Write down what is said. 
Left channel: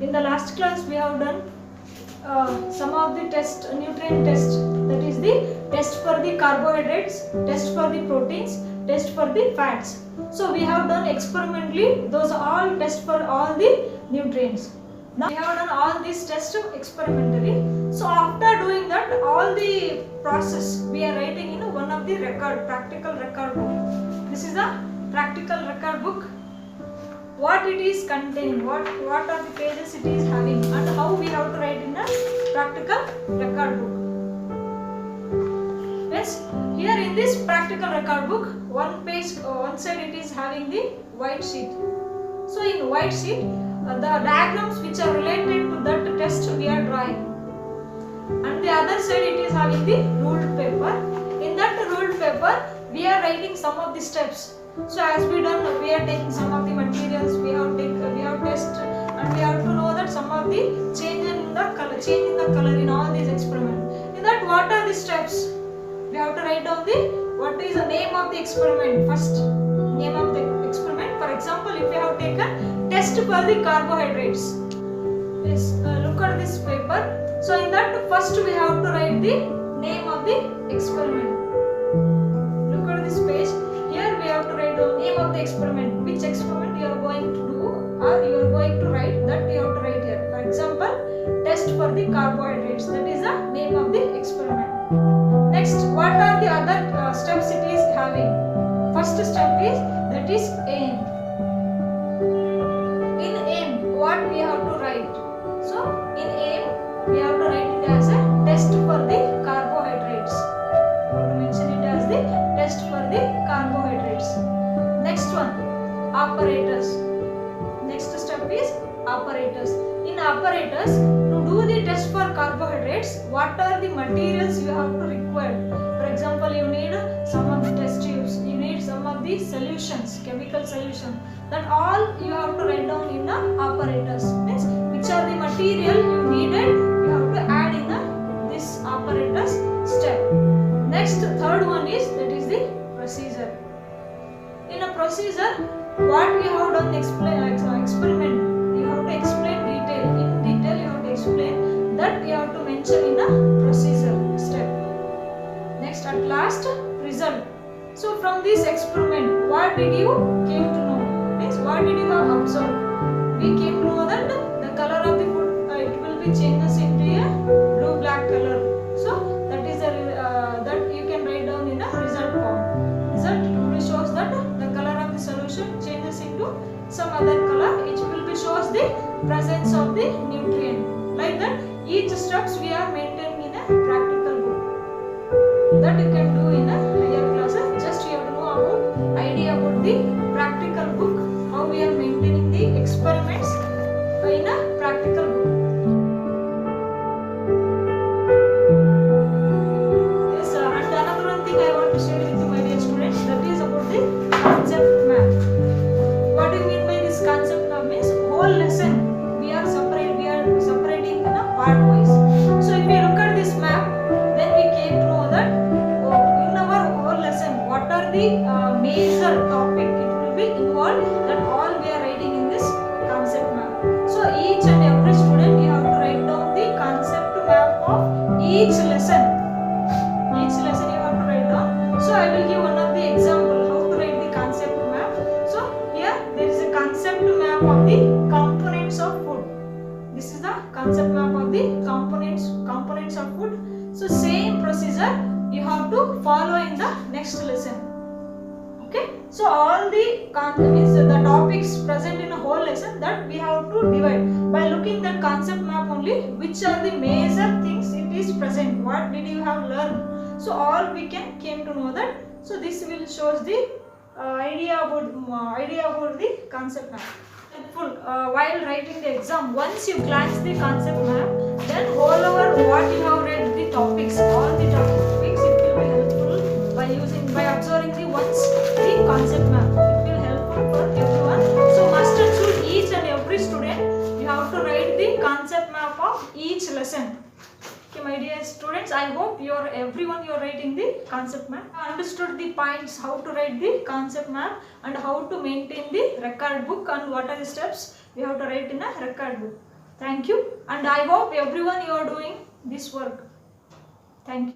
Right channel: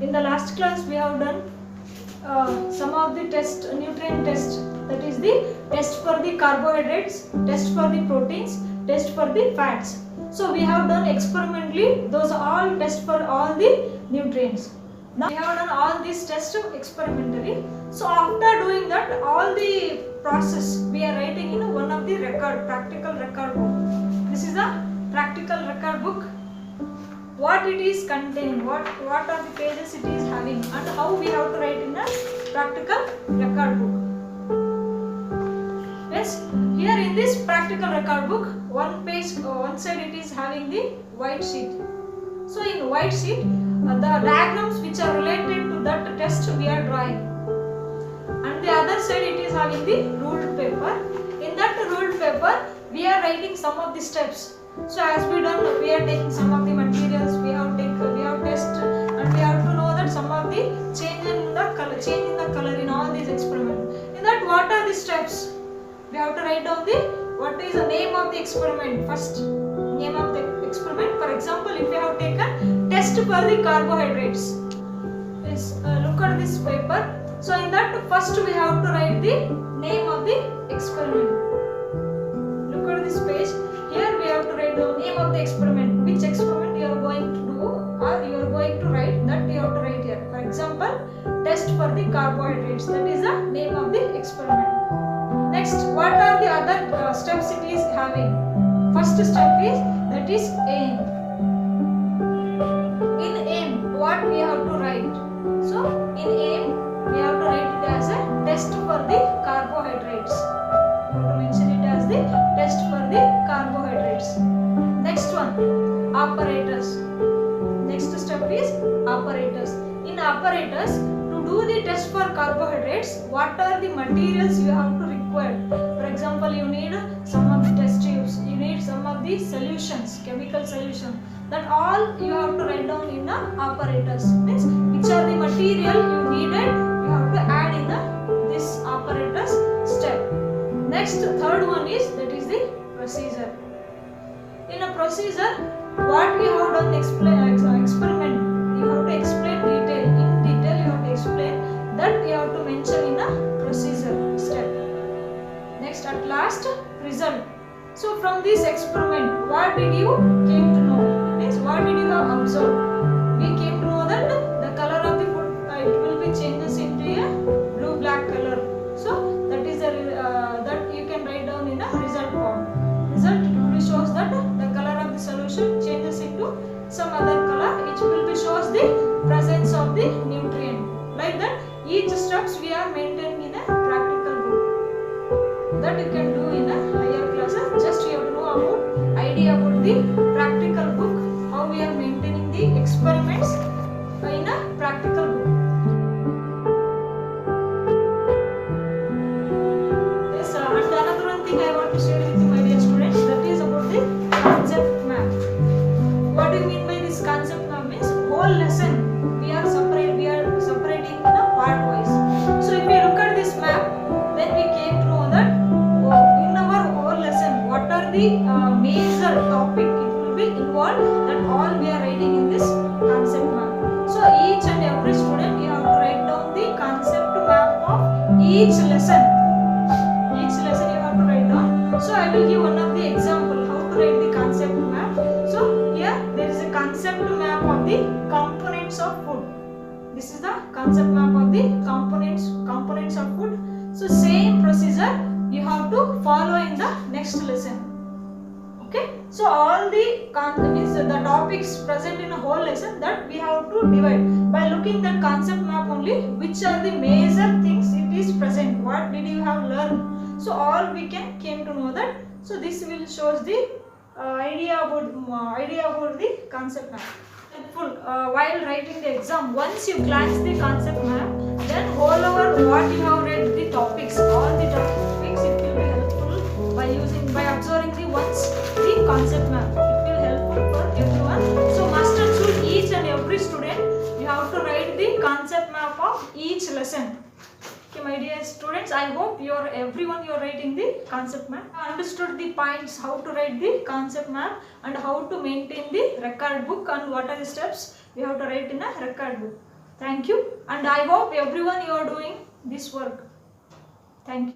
In the last class we have done some of the nutrient test, that is the test for the carbohydrates, test for the proteins, test for the fats. So we have done experimentally those all test for all the nutrients. Now we have done all these tests experimentally. So after doing that, all the process we are writing in one of the practical record book. This is a practical record book. What it is containing, what are the pages it is having, and how we have to write in a practical record book. Yes, here in this practical record book, one side it is having the white sheet. So in white sheet, the diagrams which are related to that test we are drawing, and the other side it is having the ruled paper. In that ruled paper, we are writing some of the steps. So as we done, we are taking some of the materials, we have test, and we have to know that some of the change in the color in all these experiments. In that, what are the steps? We have to write down what is the name of the experiment. First, name of the experiment. For example, if we have taken test for the carbohydrates, look at this paper. So in that, first we have to write the name of the experiment. Look at this page. Here we have to write the name of the experiment, which experiment you are going to do or you are going to write, that you have to write here. For example, test for the carbohydrates, that is the name of the experiment. Next, what are the other steps it is having? First step is, that is aim. In aim, what we have to write? So in aim, we have to write it as a test for the carbohydrates. You have to mention it as the test for the carbohydrates. Next one, apparatus. Next step is apparatus. In apparatus, to do the test for carbohydrates, what are the materials you have to require? For example, you need some of the test tubes, you need some of the solutions, chemical solution. That all you have to write down in the apparatus. Means which are the material you needed, you have to add in this apparatus step. Next, third one is, that is the procedure. In a procedure, what we have done experiment, you have to explain detail. In detail, you have to explain that you have to mention in a procedure step. Next, at last, result. So from this experiment, what did you came to know? Means what did you have observed? We came to know that the color of the food it will be changes into a blue-black color. So that is that you can write down in a result form. Result will shows that the color of the solution changes into some other color, which will be shows the presence of the nutrient. Like that, each steps we are maintaining in a practical book. That you can do in a higher classes. Just you have to know about idea about the practical book, how we are maintaining the experiments in a practical book. I want to share with you, my dear students, that is about the concept map. What do you mean by this concept map? Means whole lesson we are separating in a part wise. So if we look at this map, then we came to know that in our whole lesson, what are the major topic it will be involved, that all we are writing in this concept map. So each and every student, you have to write down the concept map of each lesson. So I will give one of the example how to write the concept map. So here there is a concept map of the components of food. This is the concept map of the components of food. So same procedure you have to follow in the next lesson. Okay. So all the topics present in a whole lesson, that we have to divide by looking at concept map only. Which are the major things it is present? What did you have learned? So all we came to know that. So this will shows the idea about the concept map. Helpful while writing the exam. Once you glance the concept map, then all over what you have read the topics, all the topics, it will be helpful by observing the concept map. It will helpful for everyone. So must and should each and every student, you have to write the concept map of each lesson. Okay, my dear students, I hope everyone you are writing the concept map. Understood the points, how to write the concept map and how to maintain the record book and what are the steps we have to write in a record book. Thank you, and I hope everyone you are doing this work. Thank you.